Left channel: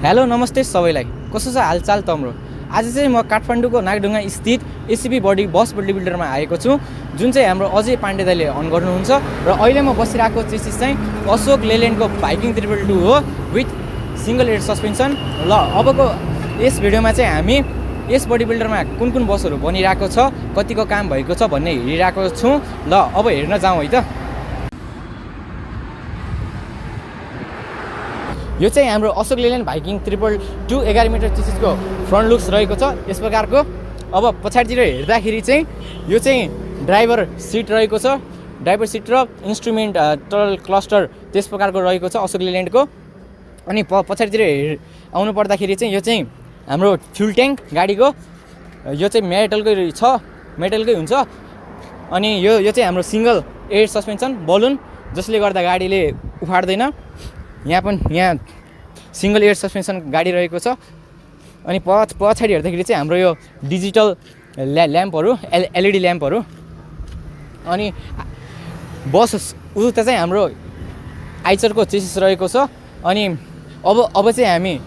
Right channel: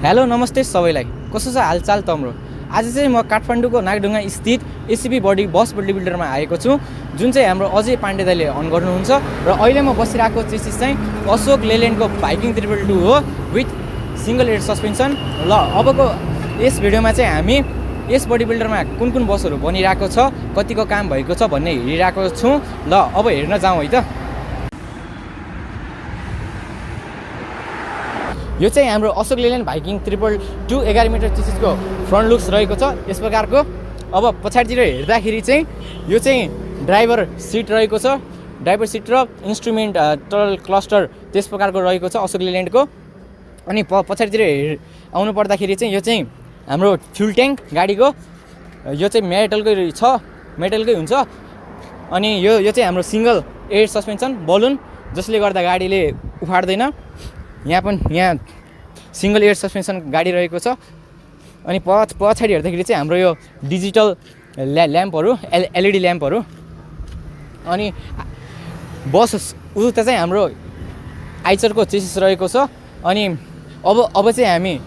Hello नमस्ते सबैलाई कस्तो छ हालचाल तम्रो। आज चाहिँ म काठमाडौँको नागढुङ्गा स्थित एसिबी बडी बस बडी बिल्डरमा आएको छु, जुन चाहिँ हाम्रो अजय पाण्डे दाइले अन गर्नुहुन्छ। र अहिले म बसिरहेको चेसिस चाहिँ अशोक लेल्यान्डको भाइकिङ 222 हो विथ सिंगल एयर सस्पेन्सन। ल अबको यस भिडियोमा चाहिँ हामी यस बडी बिल्डरमा कुन कुन बसहरू बनिरहेको छ, कतिको काम भएको छ भन्ने हेरिरहेको छौँ। ल अब हेर्न जाउँ है त। यो चाहिँ हाम्रो अशोक लेल्यान्ड भाइकिङ 222 11 मिटर चेसिसको फ्रन्ट लुक्स रहेको छ यस प्रकारको। अब पछाडितिर हेर्दाखेरि चाहिँ यो चाहिँ ड्राइभर सिट रहेको छ, ड्राइभर सिट र इन्स्ट्रुमेन्ट टल क्लस्टर त्यस प्रकारको रहेको छ अशोक लेल्यान्डको। अनि पछाडितिर आउनु पर्दाखेरि चाहिँ यो चाहिँ हाम्रो फ्युल ट्याङ्क गाडीको, यो चाहिँ मेटलकै हुन्छ। अनि यो चाहिँ हाम्रो सिङ्गल एयर सस्पेन्सन बलुन, जसले गर्दा गाडीले उफाड्दैन। यहाँ सिङ्गल एयर सस्पेन्सन गाडी रहेको छ। अनि पछाडि हेर्दाखेरि चाहिँ हाम्रो यो डिजिटल ल्याम्पहरू, एलइडी ल्याम्पहरू। अनि बस उता चाहिँ हाम्रो आइचरको चेसिस रहेको छ। अनि अब चाहिँ हामी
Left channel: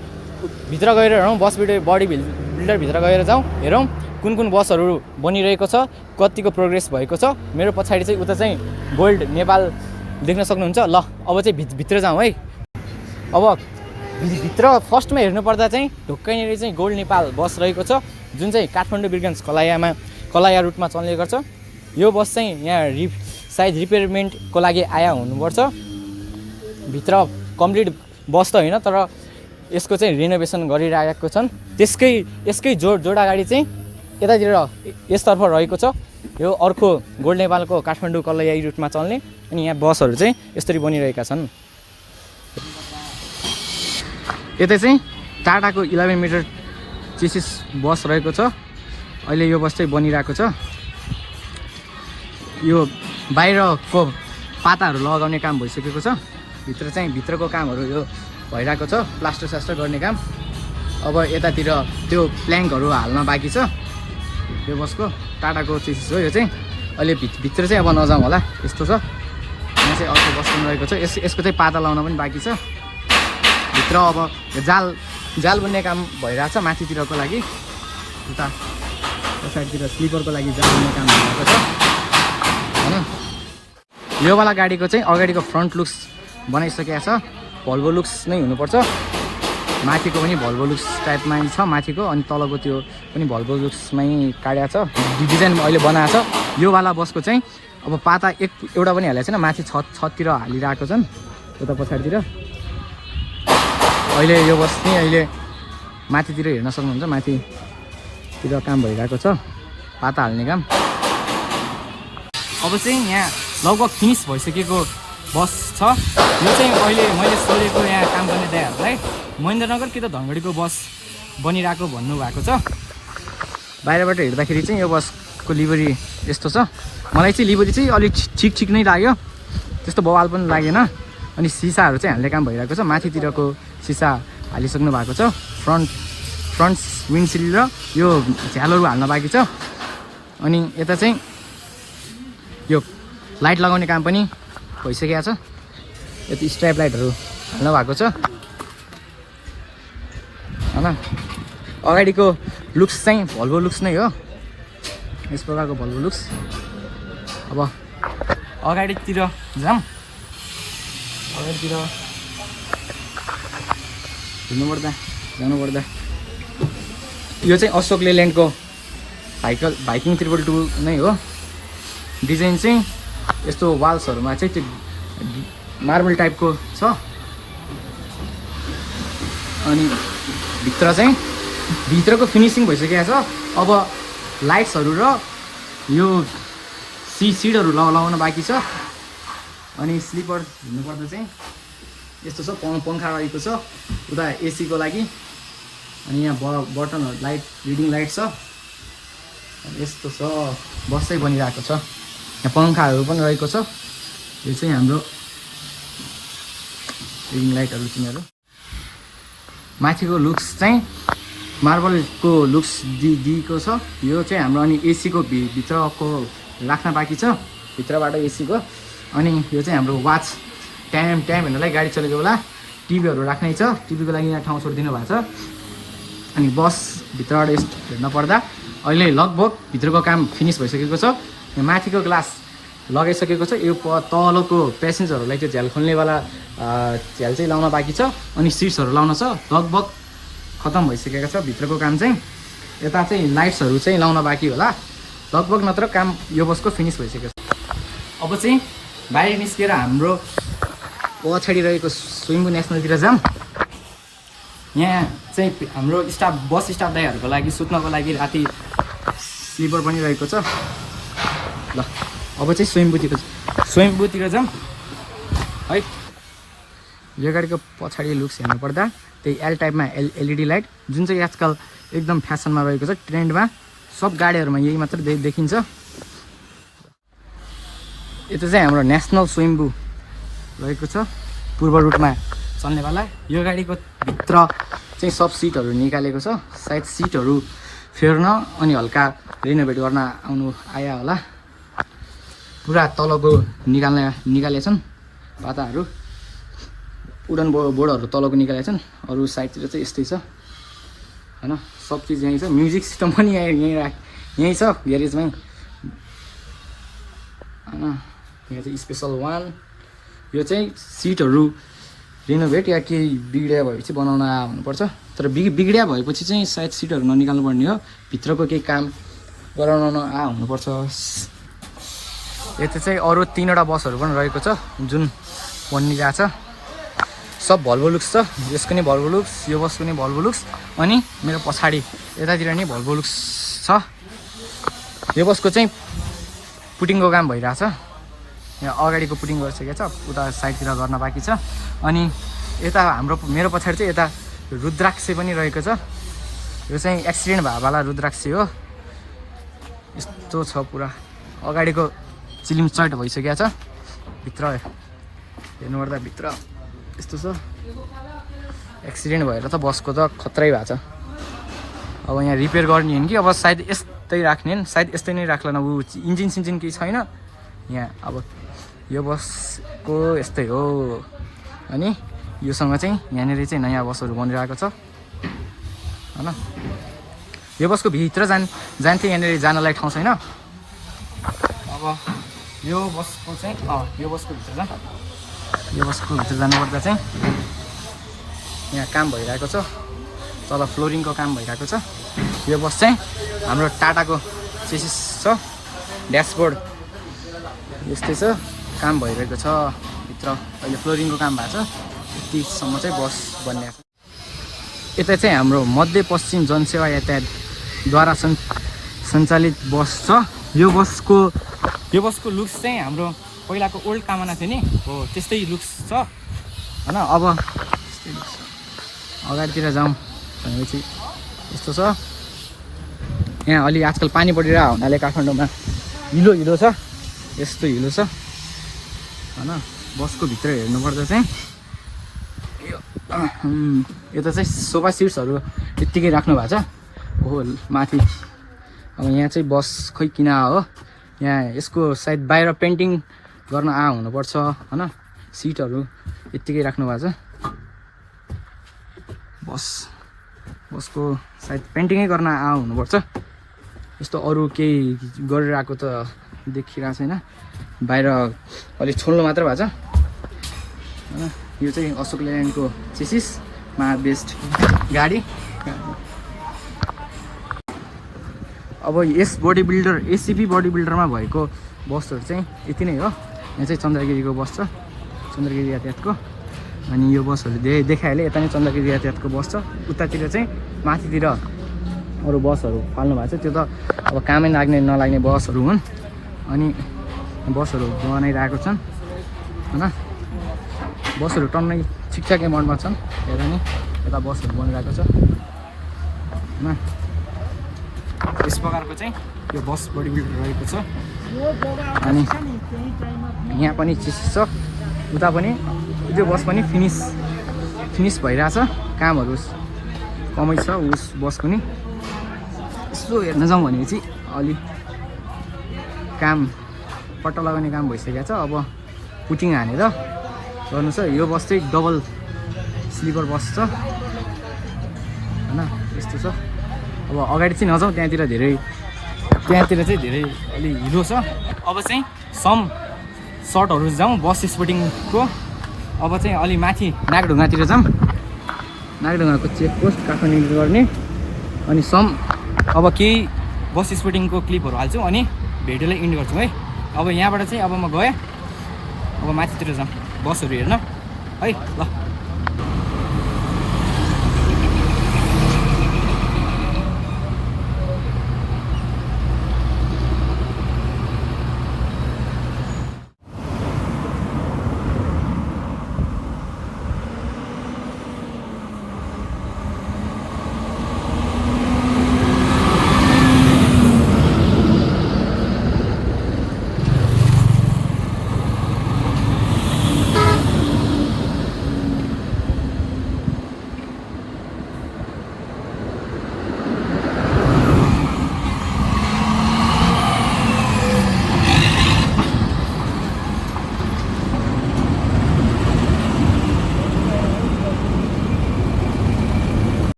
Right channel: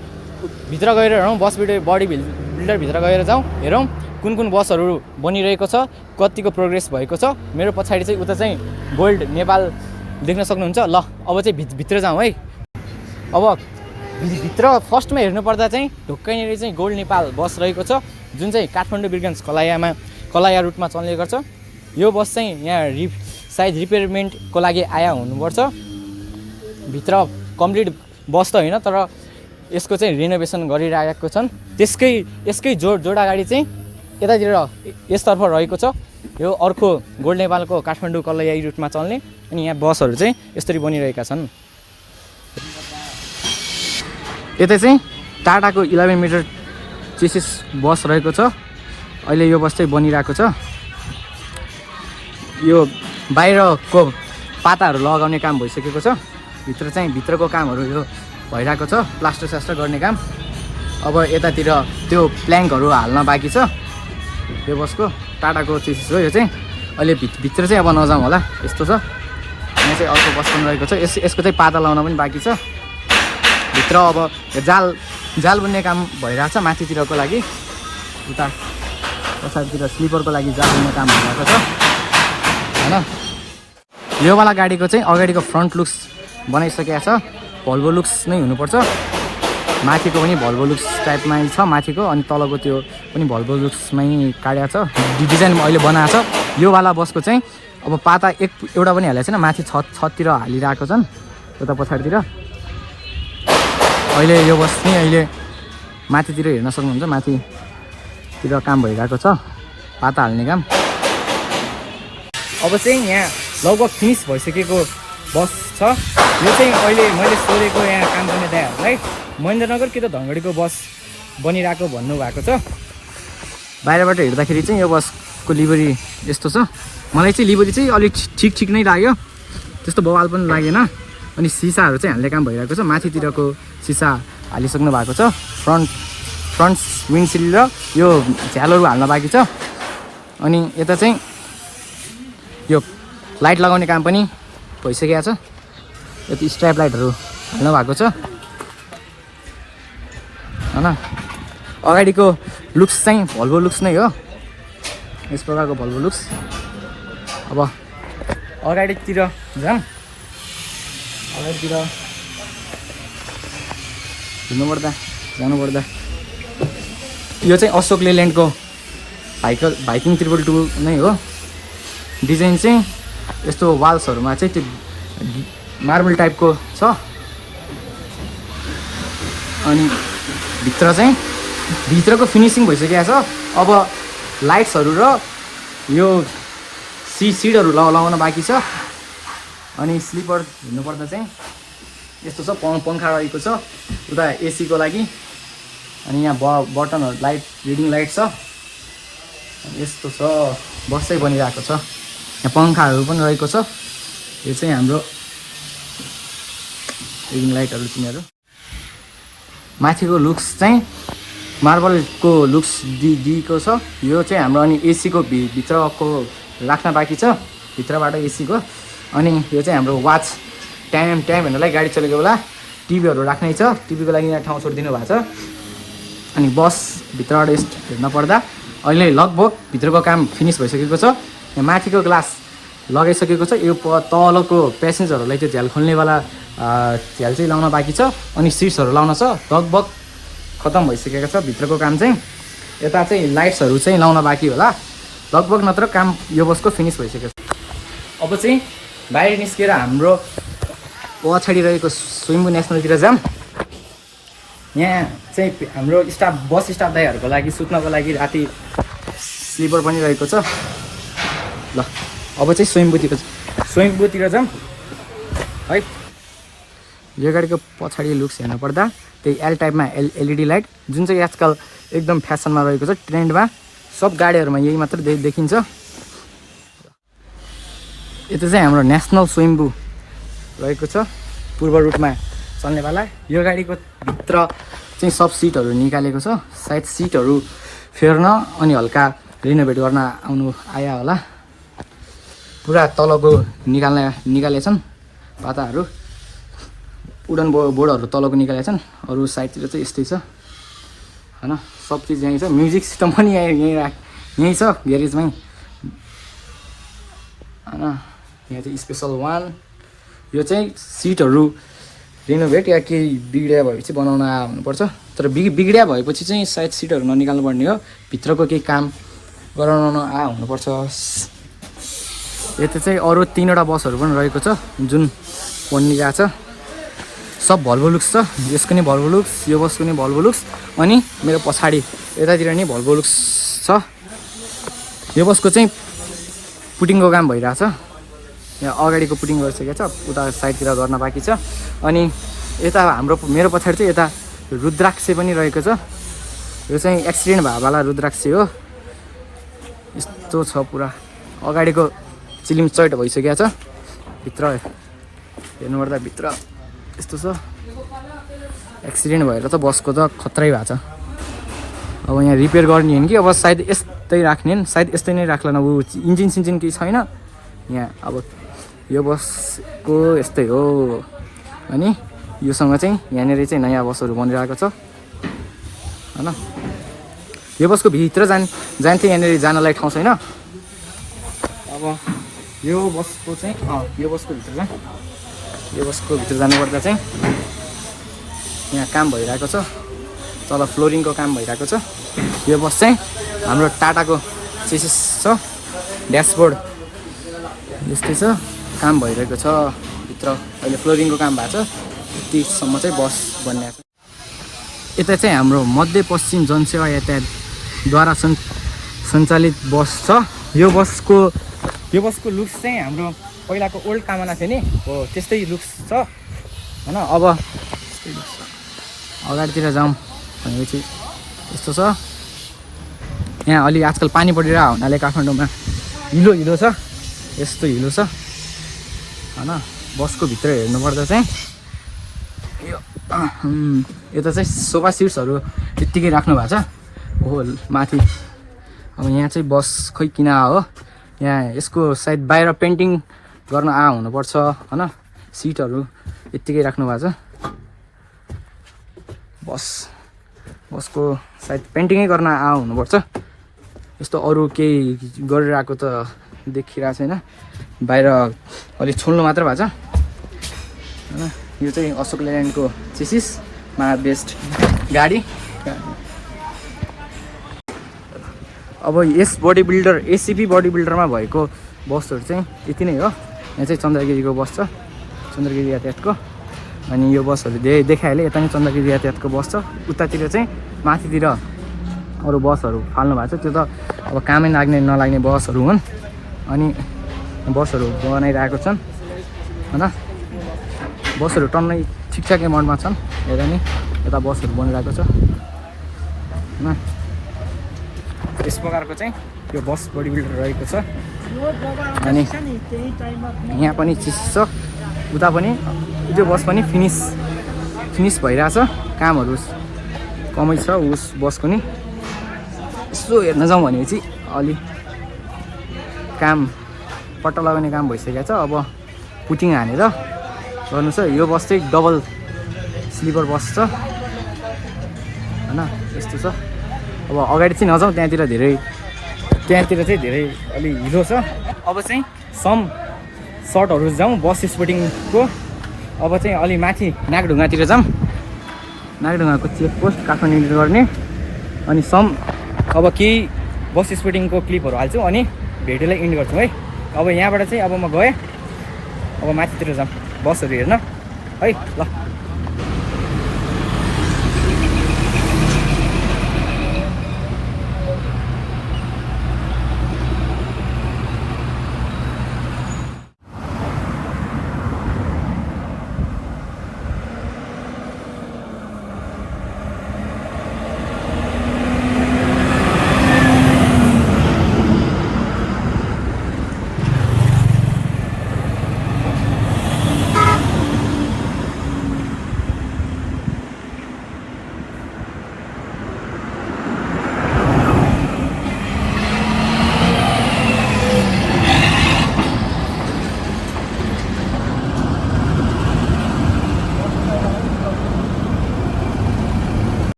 भित्र गएर हेरौँ, बडी बिल्डरभित्र गएर जाउँ, हेरौँ कुन कुन बसहरू बनिरहेको छ, कतिको प्रोग्रेस भएको छ। मेरो पछाडि चाहिँ उता चाहिँ गोल्ड नेपाल देख्न सक्नुहुन्छ। ल अब चाहिँ भित्र जाउँ है। अब भित्र फर्स्टमा हेर्नुपर्दा चाहिँ ढुक्कैनिर चाहिँ गोल्ड नेपाल बस रहेको छ, जुन चाहिँ काठमाडौँ बिरगन्ज कलाया रुटमा चल्ने गर्छ। यो बस चाहिँ यहाँ सायद रिपेयरमेन्टको लागि आया हुनुपर्छ। भित्र कम्प्लिट बस त होइन, तर यसको चाहिँ रिनोभेसन गरिरहेको छन्। यसकै जोडा गाडी चाहिँ यतातिर यसतर्फ रहेको छ। यो अर्को गोल्ड नेपालको काठमाडौँ कलाया रुटमा चल्ने। अनि यहाँ बसहरू चाहिँ यसरी बनिरहेका छन्। यता चाहिँ टाटाको 11 मिटर चेसिस बस रहेको छ। अहिले यो बस चाहिँ बनिरहेको छ। यो बाहिरको पाताहरू लगाउने काम भइसकेको छ। भित्रको कामहरू यो भइरहेको छ, प्लास्टर गर्ने काम। अब यतातिर त्यो प्ल्याङ्कहरू हाल्न बाँकी छ। यो बसको टाटाको चेसिस हो यो चाहिँ। अहिले भित्र चाहिँ अब नजाउँ होला, यस्तो छ। यहाँ चाहिँ अर्को बस पनि रहेको छ। यसको चाहिँ पाता लाउन पनि बाँकी छ। भित्र अब जाल बुन्ने काम भइरहेछ माथितिरको लागि। उता पछाडितिर स्लिपरको लागि जाल बुन्ने काम भइरहेको छ होइन। योवाला गाडीको चाहिँ अगाडिको फ्रन्ट लुक्स बनाइसकेको छ। भल्भो लुक्स नै हुनुपर्छ। माथिको पनि भल्भो लुक्स टाइपमा छ माथिको, अनि तलको त्यो पनि भल्भो लुक्समै काटेको छ, डिजाइन अहिले बनाएको छ। योवाला बसको चाहिँ अब पाता एउटा पनि हालेको छैन, माथि छततिर हालिरहेको छन् उता पछाडितिर। अहिले यो बस नि अहिले माथितिर हेर्न सक्नुहुन्छ, माथितिर काम भइरहेको छ, पाता हाल्ने काम। अब चाहिँ यहाँ लगभग फिनिस भइसकेको बस छ। यो चाहिँ अहिले मैले सोधेको यहाँ काम गर्ने दाइहरूलाई महेन्द्रनगर कि त धनगढीको बस बनिरहेको भन्नुभएको छ। बाहिरबाट हेर्दाखेरि चाहिँ यो बसको लिभरी यस्तो छ। मलाई चाहिँ लिभरी चाहिँ अलिक ठिक नै लाग्यो, त्यस्तो बवाल पनि लागेन। अनि सिसाहरू चाहिँ हाल्ने काम भइरहेको छ। माथितिरको सिसा हालिसक्नु भएको छ। फ्रन्ट विन्डसिल्ड र यो झ्यालहरू हाल्न बाँकी छ। अनि यता चाहिँ यो लाइट लगाउने काम पनि भइसकेको छ। यति स्ट्राइप लाइटहरू हाल्नु भएको छ होइन। अगाडिको लुक्स चाहिँ भल्भो लुक्स नै हो, यस प्रकारको भल्भो लुक्स। अब अगाडितिर जाउँ। अगाडितिर जानुपर्दा यो चाहिँ अशोक लेल्यान्डको भाइकिङ 222 नै हो। डिजाइन चाहिँ यस्तो वाल्सहरूमा चाहिँ त्यो मार्बल टाइपको छ। अनि भित्रको फिनिसिङ भइसकेको छ। अब लाइट्सहरू र यो सिटहरू लगाउन बाँकी छ। अनि स्लिपर हिँड्नुपर्दा चाहिँ यस्तो छ, पङ्खा रहेको छ उता एसीको लागि। अनि यहाँ बटनहरू लाइट रिडिङ लाइट छ, यस्तो छ। बस चाहिँ बनिरहेको छ। यहाँ पङ्खाहरू पनि रहेको छ। यो चाहिँ हाम्रो रिडिङ लाइटहरू तिनीहरू। माथिको लुक्स चाहिँ मार्बलको लुक्स दिएको छ। यो चाहिँ हाम्रो अनि एसीको भित्रको राख्न बाँकी छ, भित्रबाट एसीको। अनि यो चाहिँ हाम्रो वाच टाइम हेर्नलाई गाडी चलेको बेला टिभीहरू राख्नै छ, टिभीको लागि यहाँ ठाउँ छोडिदिनु भएको छ। अनि बसभित्रबाट यस्तो हेर्न पर्दा अहिले लगभग भित्रको काम फिनिस भइसकेको छ। यहाँ माथिको ग्लास लगाइसकेको छ, यो तलको प्यासेन्जरहरूलाई चाहिँ झ्याल खोल्नेवाला झ्याल चाहिँ लाउन बाँकी छ, अनि सिट्सहरू लाउन छ, लगभग खतम भइसकेको छ भित्रको काम चाहिँ। यता चाहिँ लाइट्सहरू चाहिँ लाउन बाँकी होला, लगभग नत्र काम यो बसको फिनिस भइसकेको छ। अब चाहिँ बाहिर निस्केर हाम्रो पछाडि रहेको स्विम्बु नेसनलतिर जाऊँ। यहाँ चाहिँ हाम्रो स्टाफ बस स्टाफ दाइहरूको लागि सुत्नको लागि राति स्लिपर पनि रहेको छ। ल अब चाहिँ स्विम्बुतिर जाऊँ है। यो गाडीको पछाडि लुक्स हेर्नु पर्दा त्यही एल टाइपमा एलइडी लाइट, जुन चाहिँ आजकल एकदम फ्यासनमा रहेको छ, ट्रेन्डमा सब गाडीहरूमा यही मात्र देखिन्छ। यता चाहिँ हाम्रो नेसनल स्विम्बु रहेको छ, पूर्व रुटमा चल्नेवाला। यो गाडीको भित्र चाहिँ सब सिटहरू निकालेको छ, सायद सिटहरू फेर्न अनि हल्का रिनोभेट गर्न आया होला। पुरा तलको निकालेछन् पाताहरू, उडन बोर्डहरू तलको निकालेछन्। अरू साइडतिर चाहिँ यस्तै छ हैन, सब चिज यहीँ छ। म्युजिक सिस्टम पनि यहीँ छ ग्यारेजमै हैन। यहाँ चाहिँ स्पेसल वान, यो चाहिँ सिटहरू रिनोभेट या केही बिग्रिया भएपछि बनाउन हुनुपर्छ, तर बिग्रिया भएपछि चाहिँ सायद सिटहरू ननिकाल्नु पर्ने हो, भित्रको केही काम गराउन हुनुपर्छ। यता चाहिँ अरू 3वटा बसहरू पनि रहेको छ जुन बनिरहेको छ, सब भल्भो लुक्स छ। यसको नि भल्भो लुक्स, यो बसको नि भल्भो लुक्स, अनि मेरो पछाडि यतातिर नि भल्भो लुक्स छ। यो बसको चाहिँ पुटिङको काम भइरहेछ, यहाँ अगाडिको पुटिङ गरिसकेको छ, उता साइडतिर गर्न बाँकी छ। अनि यता मेरो पछाडि चाहिँ यता रुद्राक्ष पनि रहेको छ, यो चाहिँ एक्सिडेन्ट भएवाला रुद्राक्ष हो। यस्तो छ पुरा, अगाडिको चिलिम चैट भइसकेको छ, भित्र हेर्नुपर्दा भित्र यस्तो छ। एक्सिडेन्ट भएर त बसको त खतरै भएको छ। अब यहाँ रिपेयर गर्ने हो कि अब सायद यस्तै राख्ने, सायद यस्तै नै राख्ला। अब इन्जिन सिन्जिन केही छैन यहाँ। अब यो बसको यस्तै हो। अनि योसँग चाहिँ यहाँनिर चाहिँ नयाँ बसहरू बनिरहेको छ हैन। यो बसको भित्र जान्थ्यो, यहाँनिर जानलाई ठाउँ छैन। अब यो बसको चाहिँ यो बसको भित्र जानुपर्दा चाहिँ यहाँ काम भइरहेको छ, तल फ्लोरिङको काम भइरहेको छ। यो बस चाहिँ हाम्रो टाटाको चेसिस छ, ड्यासबोर्ड यस्तै छ, काम भइरहेको छ भित्र। अहिले फ्लोरिङको काम भएको छ, यतिसम्म चाहिँ बस बनिएको छ। यता चाहिँ हाम्रो मध्यपश्चिम जनसेवा यातायातद्वारा सञ्चालित बस छ। यो बसको लुक्स चाहिँ हाम्रो पहिलाको ओल्ड कामना थियो नि हो, त्यस्तै लुक्स छ हैन। अब अगाडितिर जाउँ भनेपछि यस्तो छ। यहाँ अलि आजकल पानी परिरहेको हुनाले काठमाडौँमा हिलो छ, यस्तो हिलो छ हैन। बसको भित्र हेर्नुपर्दा चाहिँ यो यता चाहिँ सोफा सिट्सहरू त्यत्तिकै राख्नु भएको छ हो माथि। अब यहाँ चाहिँ बस खोइ किन हो, यहाँ यसको सायद बाहिर पेन्टिङ गर्न हुनुपर्छ हैन। सिटहरू यत्तिकै राख्नु भएको छ। बसको सायद पेन्टिङै गर्न हुनुपर्छ। यस्तो अरू केही गरिरहेको त देखिरहेको छैन, बाहिर अलिक छोड्नु मात्र भएको छ। यो चाहिँ अशोक लेल्यान्डको चेसिसमा बेस्ट गाडी। अब यस बडी बिल्डर एसिपी बडी बिल्डरमा भएको बसहरू चाहिँ यति नै हो। यहाँ चाहिँ चन्द्रगिरीको बस छ, चन्द्रगिरी यातायातको। अनि यो बसहरू देखाइहालेँ, यता पनि चन्द्रगिरी यातायातको बस छ। उतातिर चाहिँ माथितिर अरू बसहरू फाल्नु भएको छ, त्यो त अब कामै लाग्ने नलाग्ने बसहरू हुन्। अनि बसहरू बनाइरहेको छन् हैन। बसहरू टन्नै ठिकठाक एमाउन्टमा छन्। हेर नि यता बसहरू बनिरहेको छ हैन। यस प्रकारको चाहिँ यो बस बडी बिल्डर रहेको छ। अनि यहाँ पनि चिज छ, उता पनि त्यो बस पनि फिनिस भइरहेछ, कामहरू कमै छ उस बसको नि। यसो हेर्न जाउँ भनेपछि अलि काम पट्टा लगाउने काम भइसकेको छ। अब पुटिङ हानेर गर्नु छ। यो बस चाहिँ स्लिपर बस छ हैन, यस्तो छ। अब अगाडि चाहिँ नजाउँ, त्यहाँतिर चाहिँ धेरै अलि हिलो छ। अब चाहिँ सम सर्टहरू जाउँ बस स्पोर्टिङको। अब चाहिँ अलि माथि नागढुङ्गातिर जाऊँ, नागढुङ्गाको चेकपोस्ट काठमाडौँ गर्ने। अनि सम अब केही बस स्पोर्टिङको क्लिपहरू हाल्छु अनि भिडियोलाई इन्ड गर्छु है। अब यहाँबाट चाहिँ अब म गएँ, अब माथितिर जाऊँ बसहरू हेर्न है ल।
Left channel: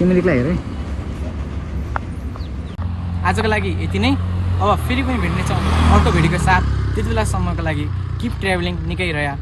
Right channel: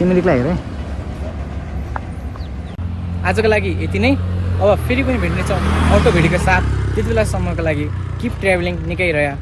सिमरिकलाई हेरेँ। आजको लागि यति नै। अब फेरि पनि भेट्नेछौँ अर्को भिडियोको साथ। त्यति बेलासम्मको लागि किप ट्राभलिङ, निकै रह्यो।